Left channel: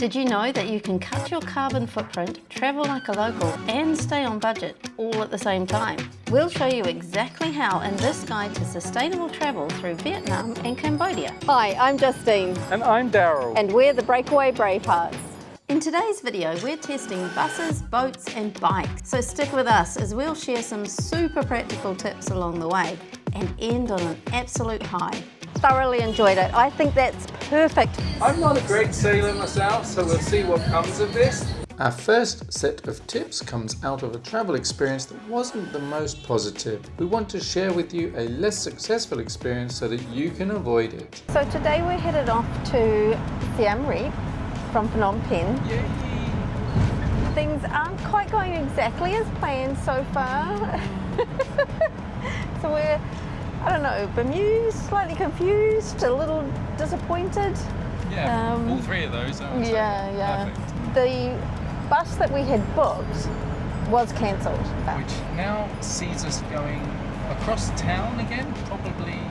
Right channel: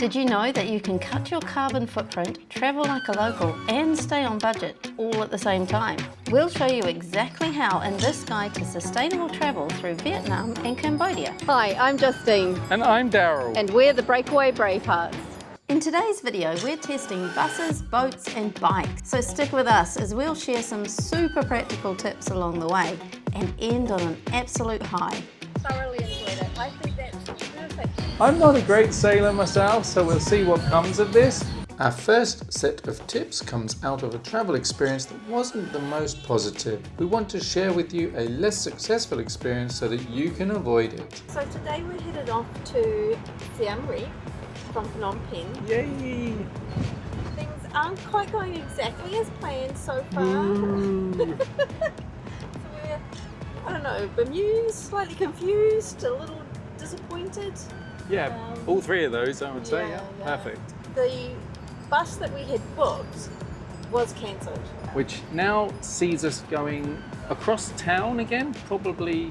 Did you know that you can cut your carbon footprint, travel like a local, and stay on budget all at the same time? We'll show you exactly how in this guide to sustainable travel through Vietnam and Cambodia. Hi, I'm Justine. And I'm Daryl. And we're the Breakaway Bravehearts. In today's video, we're testing buses, boats and bikes. So stick with us as we'll share some super practical tips along the way and end on an absolute high. Thoroughly enjoyed it. I think that's perfect. I'm not a great sailor myself, so we'll see what comes of this. Our first set of tips comes out of a travel experience that wasn't the most positive. We want to share with you a less successful experience so that you can avoid it. So today we're headed off to Siem Reap from Phnom Penh. Yay! Things aren't quite going exactly as planned so far. So we're, I don't know, bemused, slightly confused, a little disappointed. Yeah, all three of those, I would say. Yeah. Perfect. The bus that we had booked was cancelled. Which now sees us going across town again, probably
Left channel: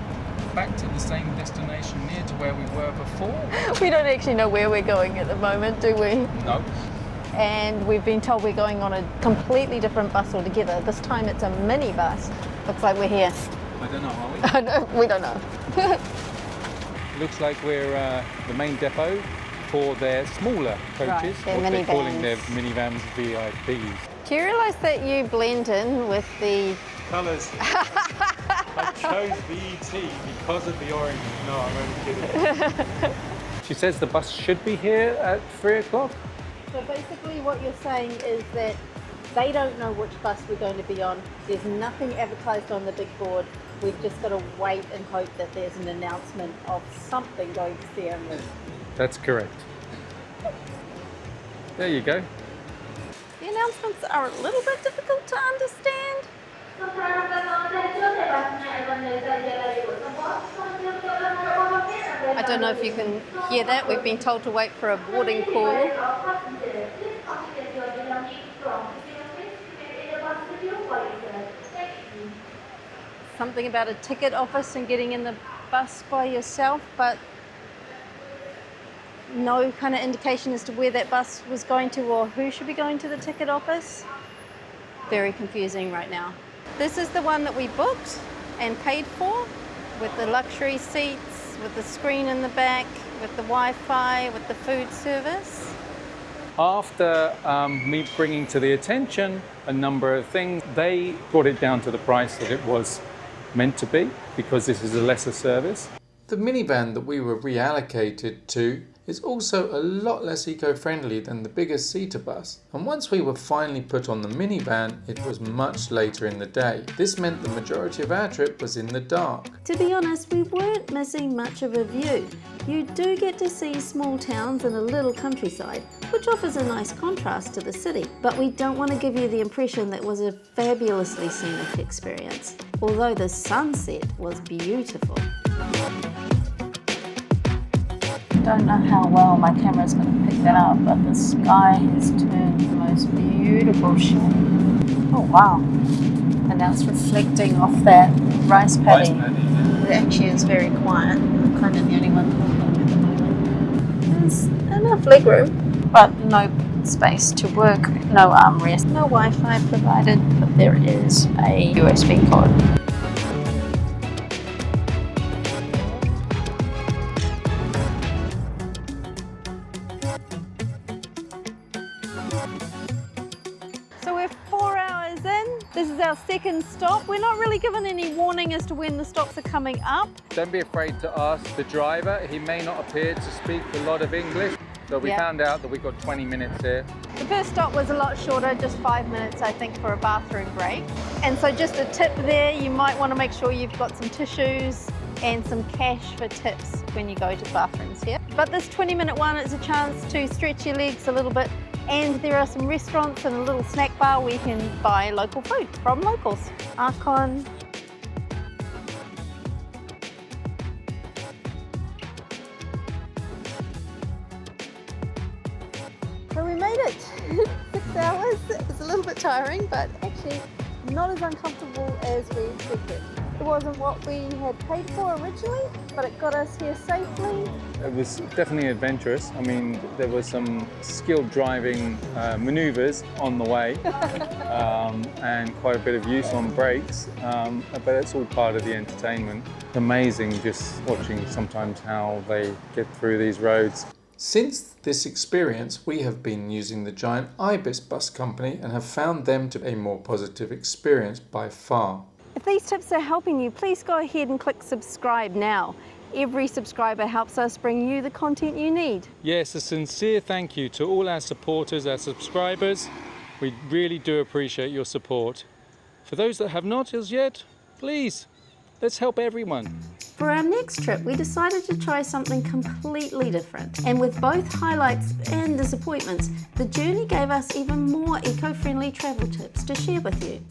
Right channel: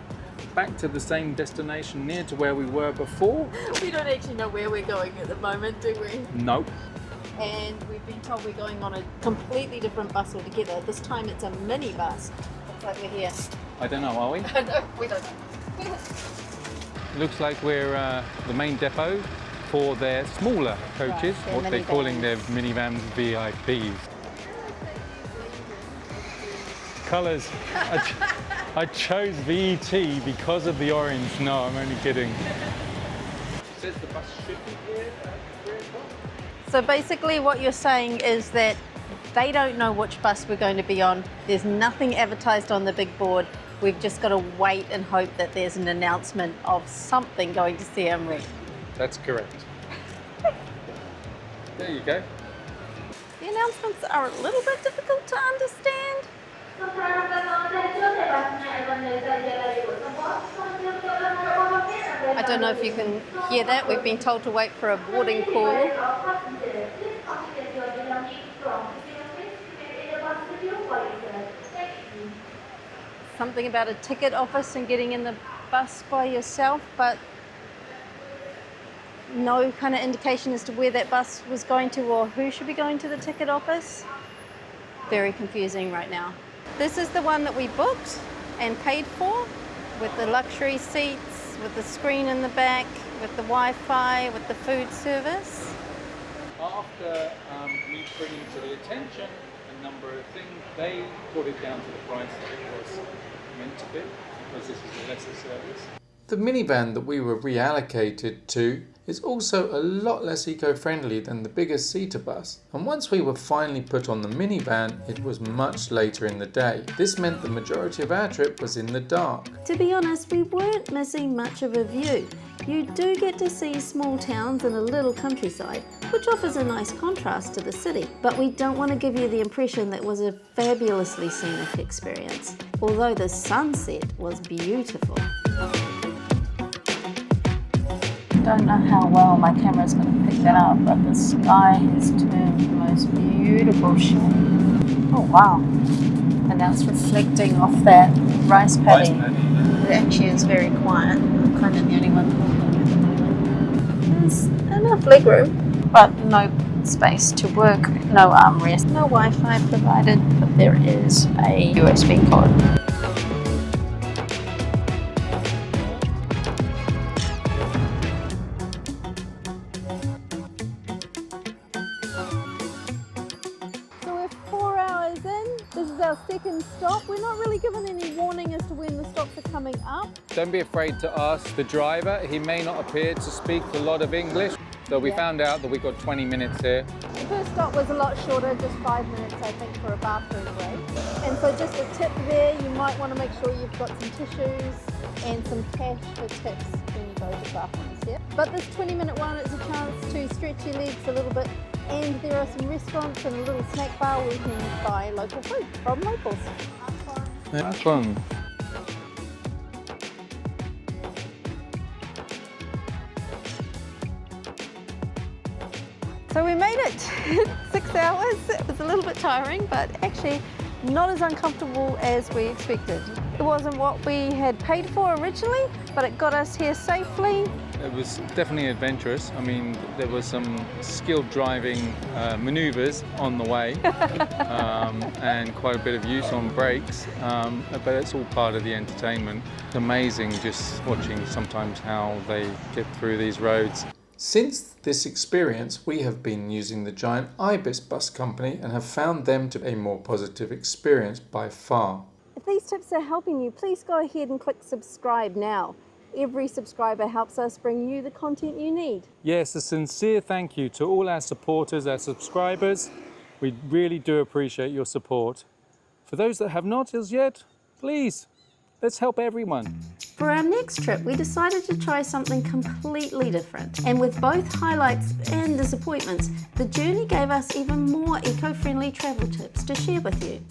back to the same destination near to where we were before. We don't actually know where we're going at the moment, do we? No. And we've been told we're going on a completely different bus altogether. This time it's a minibus. Looks like we're here. I don't know, are we? We don't know. Looks like we're the main depot for their smaller coaches, Right, what they're calling their minivans. minivans VIP. Do you realise that you blend in with the... Colours. I chose VET because of the orange. No, I'm only kidding. She says the bus should be here at 3 o'clock. So basically what you're saying is that they don't know which bus we're going to be on. There's nothing advertised on the big board. We've just got to wait and hope that there's an announcement of something going to Siem Reap. That's correct. There you go. The announcements are a little bit difficult to understand. I don't know if you can hear that. We've been told to wait for a boarding call. Something about a ticket office and getting in the bus by yourself, but no kind of indication as to where that bus was going to or who should be going to the ticket office. Very confusing right now. This is the one that we booked and paid for, with the luxury seats, with the screen in the back, with the Wi-Fi, with the food service. After me bringing to the attention a number of things, they brought it down to the price that it was meant to be, because this is a lesser service. The minivan that we were reallocated to is also a lot less eco-friendly than the bigger seater bus. And once we were finally put on the minivan, it was much later in the day. This meant the majority of our trip was in the dark. To be honest, we weren't missing much of a view. You do get to see small towns and a little countryside, which offers a nice contrast to the city. But we don't want to give you the impression that it was a fabulously scenic experience, although the sunset was beautiful. I don't know how well my camera's going to pick that up, but the sky has turned the most beautiful shade. Oh wow. And now it's reflecting off that rice paddy. It actually is very quiet. I'm kind of the only one talking at the moment. There's enough legroom, but no space to work, no armrest, no Wi-Fi provided, but there is a USB cord. So we're 4 hours in. This is our second stop. We're not really given any warning as to when the stops are coming up. Don't be afraid to ask the driver. He may not appear to speak a lot of English. So we found out that we've got 20 minutes here. The first stop was a lot shorter, just 5 minutes, I think, for a bathroom break. And so just a tip there, you might want to make sure you've got some tissues and some cash for tips when you go to bathrooms here. But this 20-minute one is a chance to stretch your legs a little bit, and there are some restaurants and a little snack bar where you can buy local food from locals. Archon. Archon. So we made it. 6 hours. It was a little bit tiring, but actually not as uncomfortable as we expected. It wasn't what we had paid for originally, but it got us here safely. It was definitely adventurous. I mean, there was some skilled driving manoeuvres on the way and quite a bit of use on brakes, but it's all part of the entertainment. It's amazing just watching sometimes how they get through these roads. Since this experience, we have been using the giant Ibis bus company and have found them to be a more positive experience by far. If these tips are helping you, please go ahead and click subscribe now. Every subscriber helps us bring you the content you need. Yes, a sincere thank you to all our supporters, our subscribers. We really do appreciate your support. For those that have not as yet, please, let's help everyone. For our next trip, we decided to try something completely different. And with both highlights and disappointments, the journey gave us even more eco-friendly travel tips to share with you.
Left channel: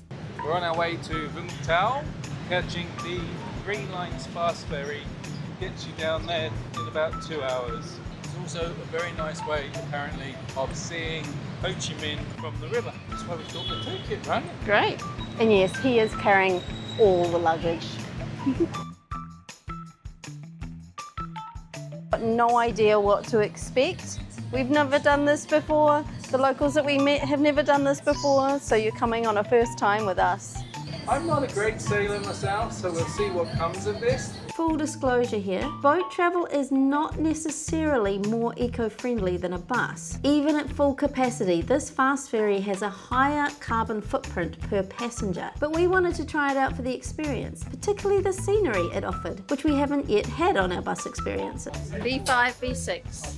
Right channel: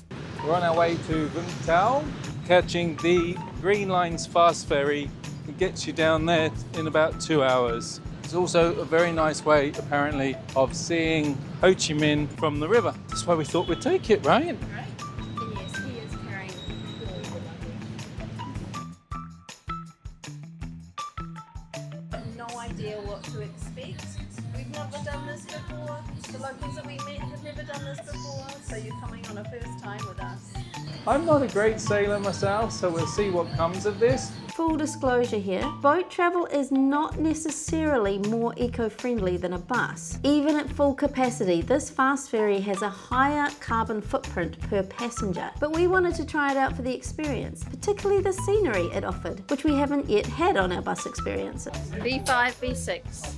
We're on our way to Vung Tau, catching the Green Line's Fast Ferry. It gets you down there in about 2 hours. It's also a very nice way, apparently, of seeing Ho Chi Minh from the river. That's why we thought we'd take it, right? Great. And yes, he is carrying all the luggage. No idea what to expect. We've never done this before. The locals that we met have never done this before, so you're coming on a first time with us. I'm not a great sailor myself, so we'll see what comes of this. Full disclosure here, boat travel is not necessarily more eco-friendly than a bus. Even at full capacity, this fast ferry has a higher carbon footprint per passenger. But we wanted to try it out for the experience, particularly the scenery it offered, which we haven't yet had on our bus experiences. B5, B6.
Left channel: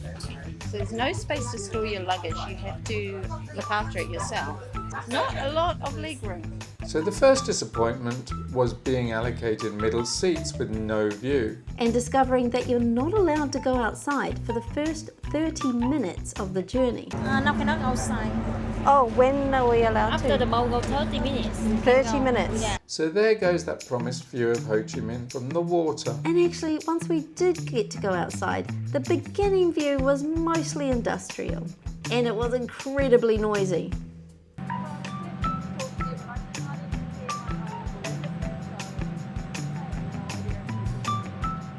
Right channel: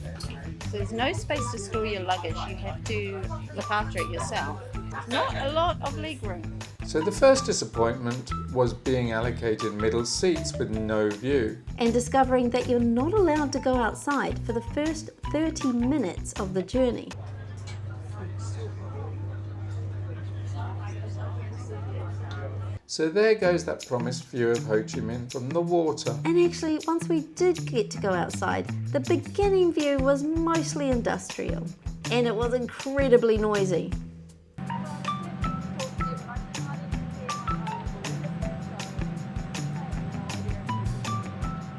So there's no space to store your luggage. You have to look after it yourself. Not a lot of leg room. So the first disappointment was being allocated middle seats with no view. And discovering that you're not allowed to go outside for the first 30 minutes of the journey. No, cannot outside. Oh, when are we allowed After the boat go 30 minutes. 30 minutes. Yeah. So there goes that promised view of Ho Chi Minh from the water. And actually, once we did get to go outside, the beginning view was mostly industrial. And it was incredibly noisy.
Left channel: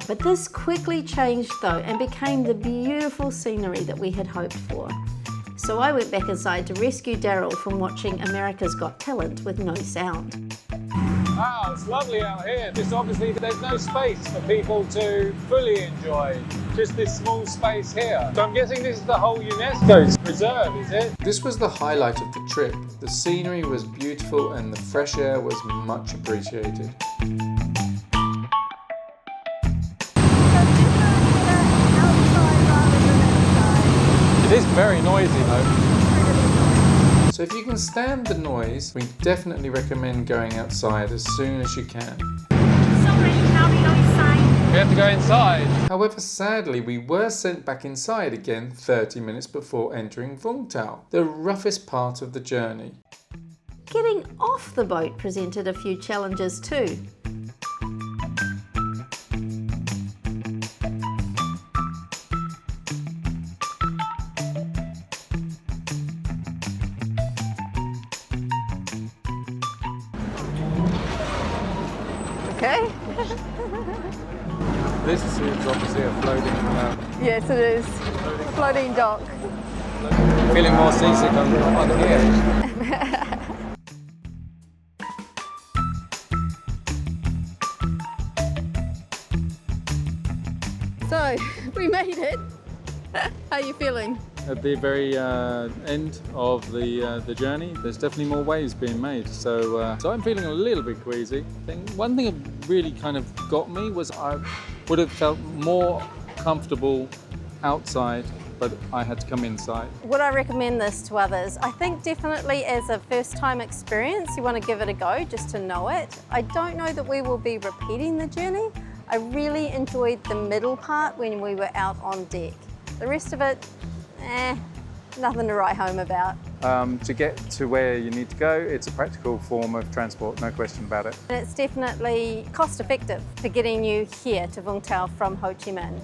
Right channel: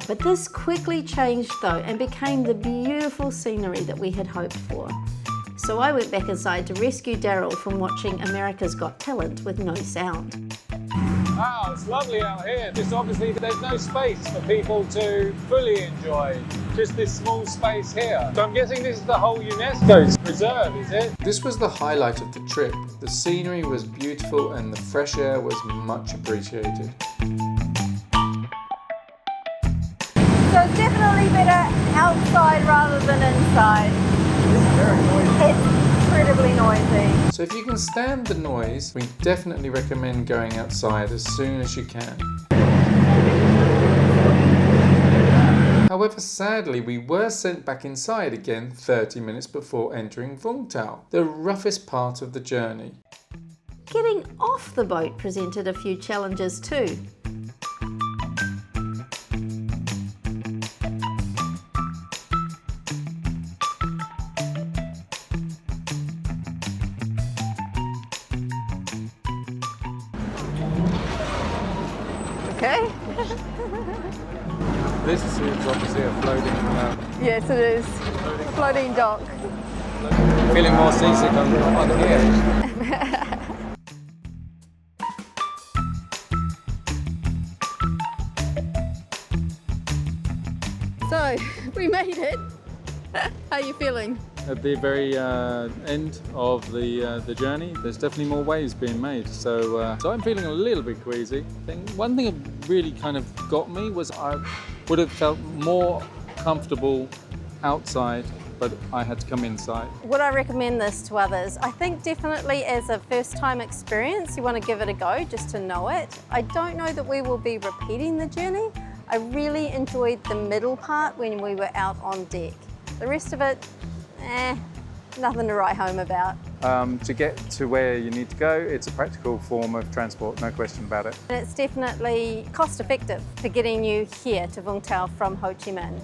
But this quickly changed though and became the beautiful scenery that we had hoped for. So I went back inside to rescue Daryl from watching America's Got Talent with no sound. Wow, it's lovely out here. Just obviously there's no space for people to fully enjoy. Just this small space here. So I'm guessing this is the whole UNESCO reserve, is it? This was the highlight of the trip. The scenery was beautiful and the fresh air was much appreciated. So definitely better outside rather than inside. It is very noisy though. Incredibly noisy. So if you can stand the noise, we definitely recommend going outside as soon as you can. So many crowded outside. We have to go inside. However, sadly, we were sent back inside again 30 minutes before entering Vung Tau, the roughest part of the journey. Getting off the boat presented a few challenges too. Okay. This is obviously a floating, Yes, it is. Floating dock. feeling more seasick on here. So, we made it. How are you feeling? At the very end of the journey, there's definitely more waves being made. So I'm feeling a little bit queasy. One thing that really kind of got me was I would have felt more comfortable outside, but I had to come inside. Would I recommend this to others? I think definitely as a first time experience, you want to give it a go just to know it. I don't know that we will be repeating the journey. I really enjoyed the middle part when we were out on deck. The rest of it, nothing to write home about. To get to where you need to go, it's a practical form of transport, no question about it. And it's definitely cost effective for getting you here to Vung Tau from Ho Chi Minh,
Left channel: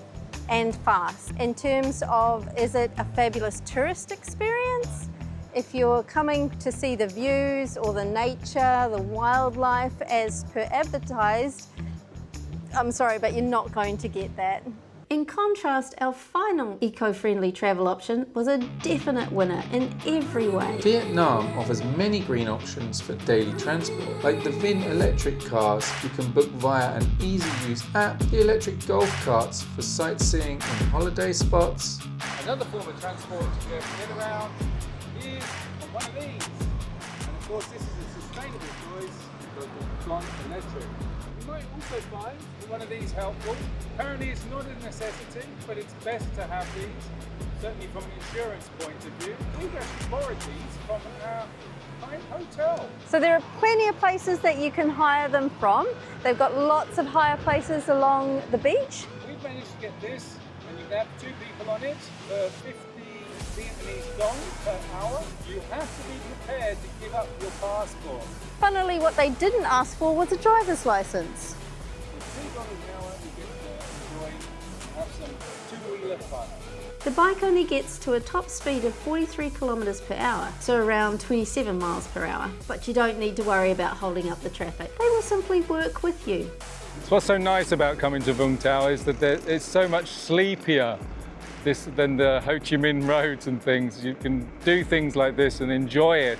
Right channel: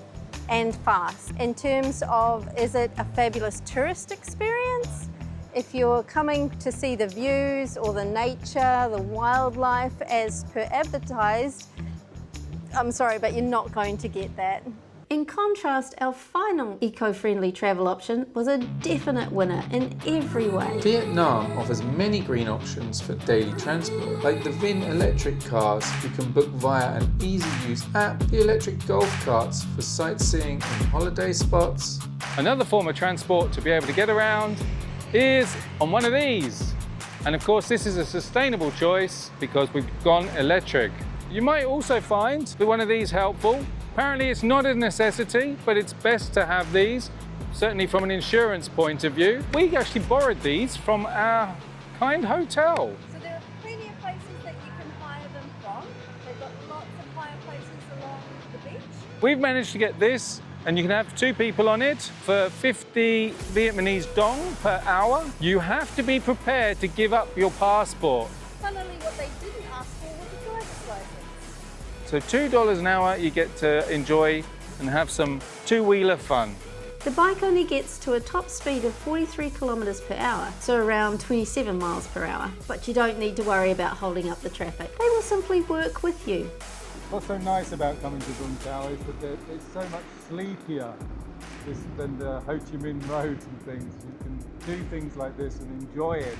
and fast. In terms of, is it a fabulous tourist experience? If you're coming to see the views or the nature, the wildlife as per advertised, I'm sorry, but you're not going to get that. In contrast, our final eco-friendly travel option was a definite winner in every way. Vietnam offers many green options for daily transport, like the Vin electric cars you can book via an easy-use app, the electric golf carts for sightseeing in holiday spots. Another form of transport to be able to get around is on one of these. And of course, this is a sustainable choice because we've gone electric. You might also find one of these helpful. Apparently it's not a necessity, but it's best to have these, certainly from an insurance point of view. We actually borrowed these from our kind hotel. So there are plenty of places that you can hire them from. They've got lots of hire places along the beach. We've managed to get this, and you can have 2 people on it for 50 Vietnamese dong per hour. You have to be prepared to give up your passport. Funnily, what they didn't ask for was a driver's license. So $2 an hour, you get to enjoy and have some two-wheeler fun. The bike only gets to a top speed of 43 kilometres per hour, so around 27 miles per hour. But you don't need to worry about holding up the traffic. They will simply work with you. So what's so nice about coming to Vung Tau is that it's so much sleepier than the Ho Chi Minh roads and things. You can do things like this and enjoy it.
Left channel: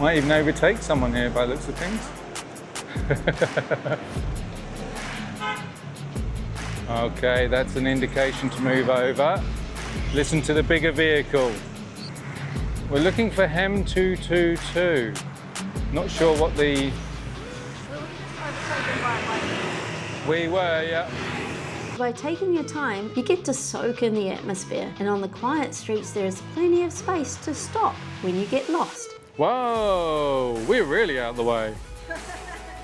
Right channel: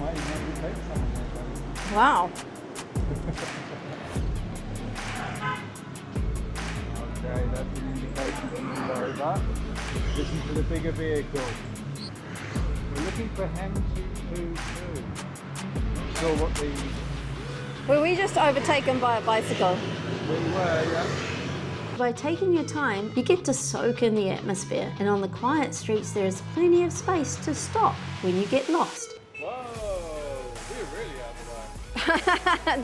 Might even overtake someone here by the looks of things. Wow. Okay, that's an indication to move over. Listen to the bigger vehicle. We're looking for Hem 222. Not sure what the... Were we just overtaken by a bicycle? We were, yeah. By taking your time, you get to soak in the atmosphere, and on the quiet streets there is plenty of space to stop when you get lost. Whoa, we're really out of the way.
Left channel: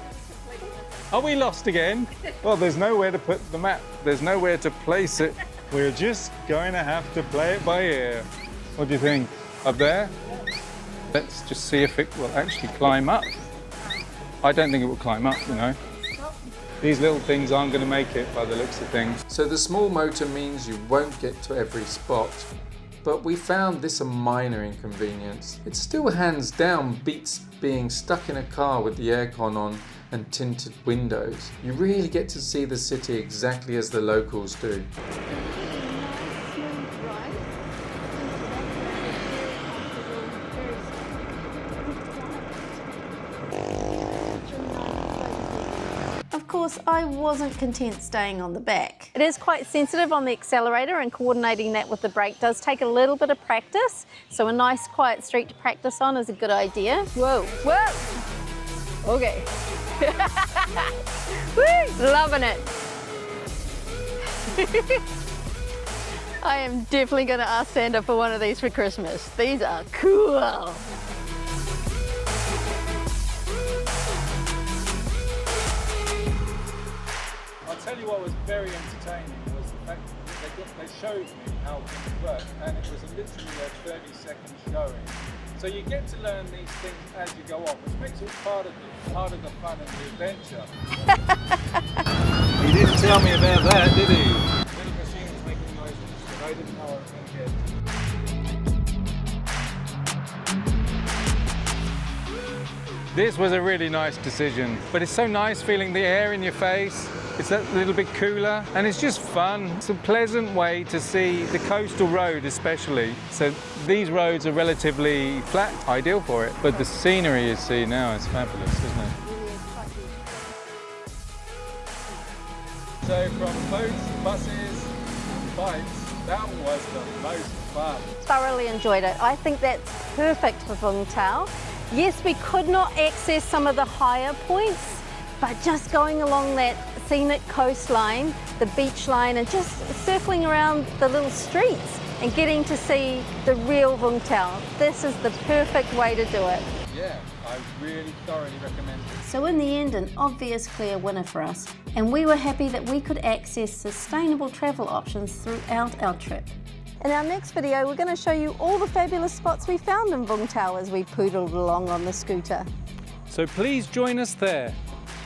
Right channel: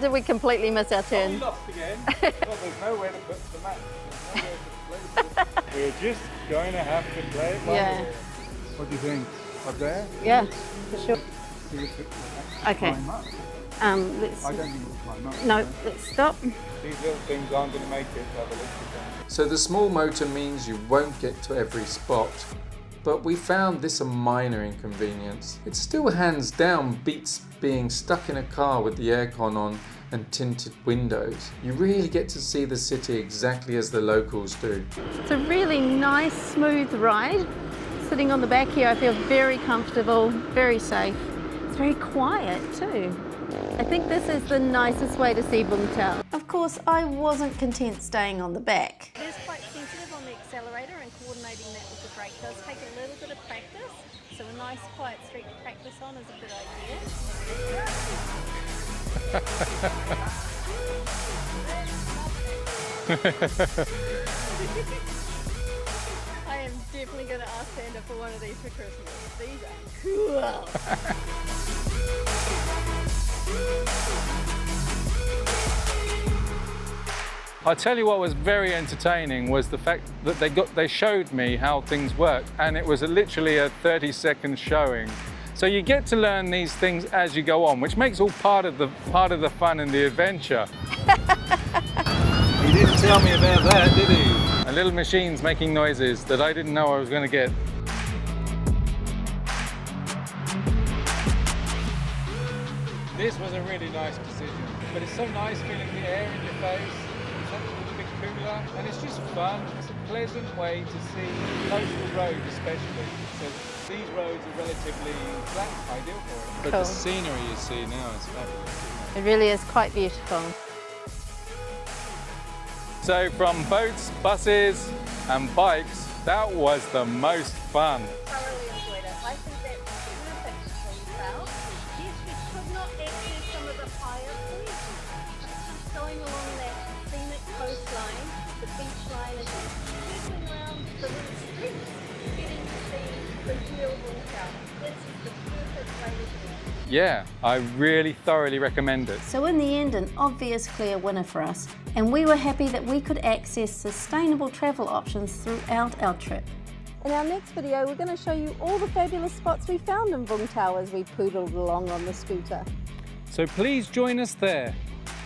Did we completely miss our turn? Are we lost again? Well, there's nowhere to put the map. There's nowhere to place it. We're just going to have to play it by ear. What do you think? Up there? Yeah, for sure. Let's just see if it will actually climb up. I don't think it will climb up. No, No. let's stop. These little things aren't going to make it by the looks of things. So the small motor means you won't get to every spot. But we found this a minor inconvenience. It still hands down beats being stuck in a car with the aircon on and tinted windows. You really get to see the city exactly as the locals do. It's a really nice, smooth ride. Sitting on the back here, I feel very comfortable, very safe. It's very quiet too. I think this is the nicest way to see Vung Tau. Of course, I wasn't content staying on the back. It is quite sensitive on the accelerator, and coordinating that with the brake does take a little bit of practice. So a nice quiet street to practice on is a good idea. Whoa, whoa. Okay. Woo, loving it. I am definitely going to ask Santa for one of these for Christmas. These are cool. I'll tell you what was very entertaining was the fact that they showed me how things work, and it was literally a 30-second showing. So you get to learn these things as you go on, which makes all part of the fun and the adventure. He didn't tell me about that, did he? And little machines making noises that I didn't know I was going to get. This was a really nice decision, but it's so nice feeling the air in your face. It's a little bit cooler, and it's just fun. It's a pleasant way to see the coastal road especially. So these roads are relatively flat, ideal for it. But Cool. the scenery you see now is fabulous, isn't it? It really is quite beautiful. So from boats, buses and bikes, that was the most fun. Thoroughly enjoyed it. I think that's perfect for Vung Tau. Yes, we could not access some of the higher points, but just going along that scenic coastline, the beach line, and just circling around the little streets and getting to see the real Vung Tau. This is the perfect way to do it. Yeah, I really thoroughly recommend it. So in the end, an obvious clear winner for us, and we were happy that we could access sustainable travel options throughout our trip. In our next video, we're going to show you all the fabulous spots we found in Vung Tau as we poodled along on the scooter. So please join us there.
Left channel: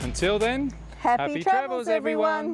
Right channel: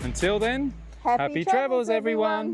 Until then, Happy travels, everyone!